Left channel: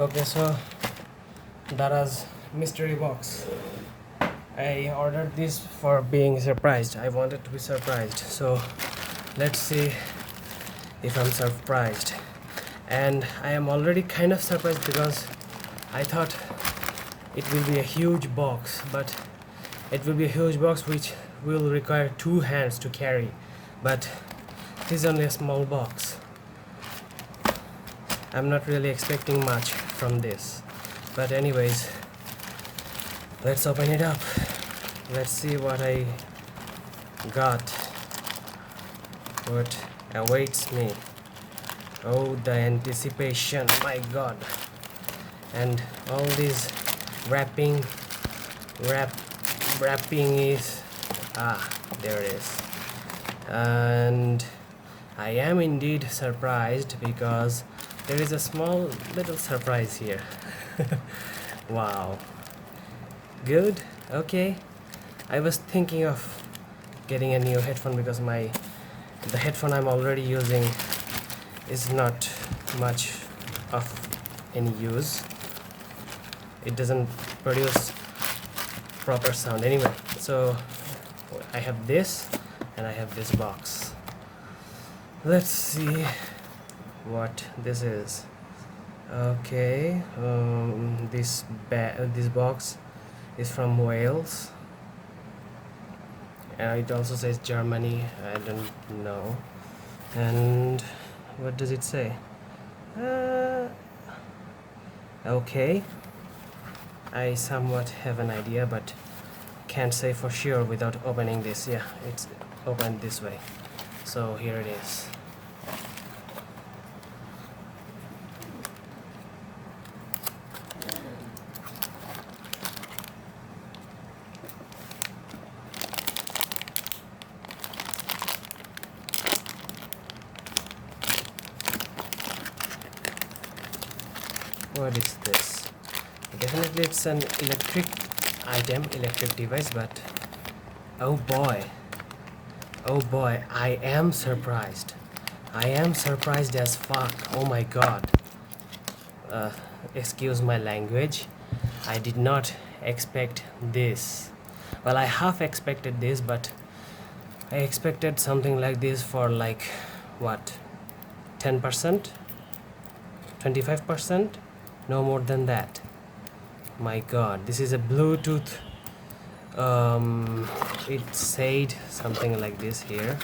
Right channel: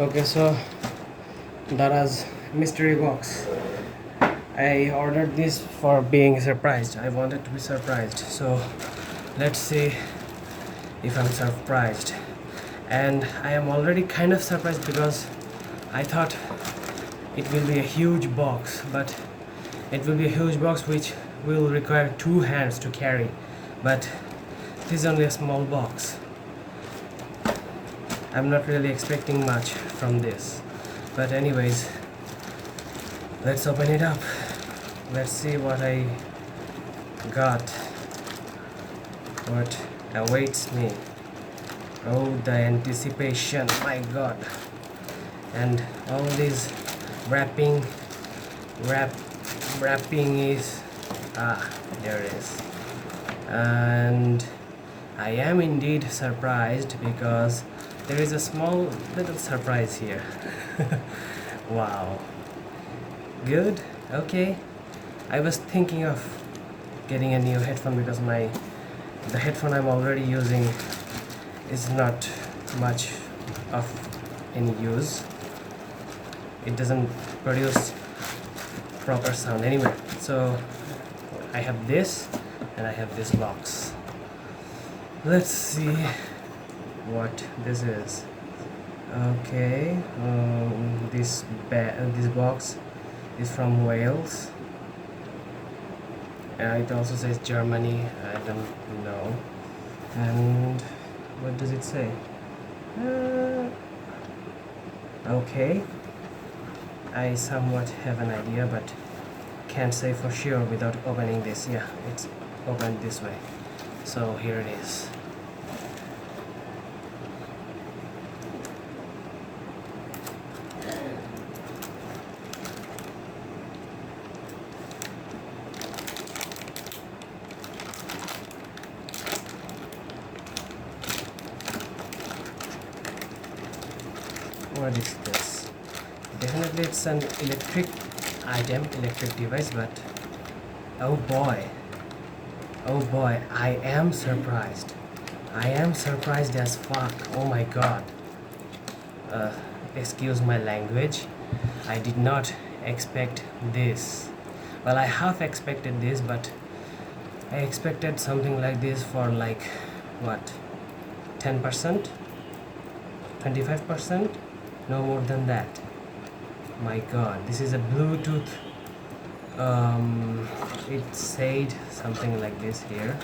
Okay, so Daraz mystery box. I ordered this for being surprised. I wanted to be surprised. So let's see if I'm surprised. And I am already kind of surprised because I thought it will be a huge box, but it will be a huge box which will require two hands to carry. But it is only a small box. I'm not really expecting much from this. But anyways, let's open it up. Let's see what I got, what awaits me. Oh, the anticipation, my god. And all these wrapping is there it is. And I am indeed surprised because there is a small little surprise here. Wow, good. Okay, I was thinking of getting a new headphone because the headphone I'm already using is not much of any use. It doesn't produce proper sound anyway. So I have this and I have this box. Let's see what this is. Okay, this box is from Wales. It also says Germany. I don't know. And what does it say? Okay, I somewhat have an idea, but can't say for sure without opening this. Yeah, it's opened this way. So here it is. What is this? Definitely it's an electric item, electric device, but oh boy, I am surprised. I am surprised as fuck. Oh my god. Excuse my language. I did not expect this. Well, I half expected this, but I expected something like this for like what, 10%, 25%, no more than that. My god, this is a Bluetooth. It said something like this here.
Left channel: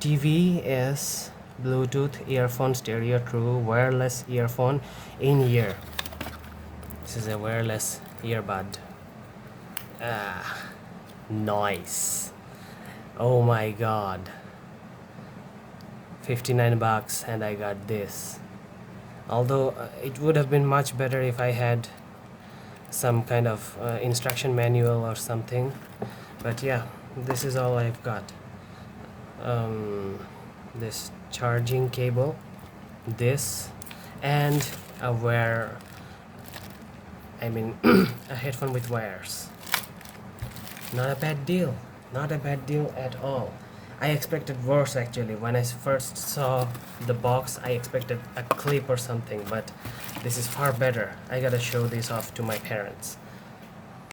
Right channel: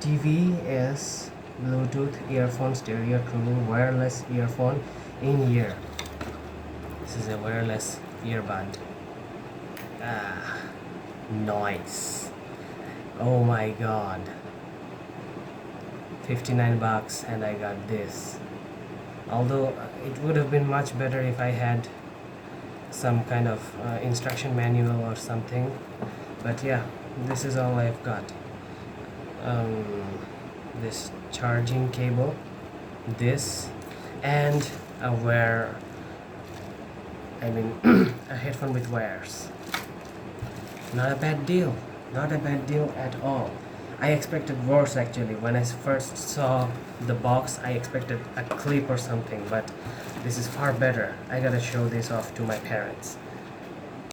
TVS Bluetooth earphone stereo true wireless earphone in ear. This is a wireless earbud. Nice. Oh my god, 59 bucks and I got this. Although it would have been much better if I had some kind of instruction manual or something, but yeah, this is all I've got. This charging cable, this, and a a headphone with wires. Not a bad deal, not a bad deal at all. I expected worse actually. When I first saw the box, I expected a clip or something, but this is far better. I gotta show this off to my parents.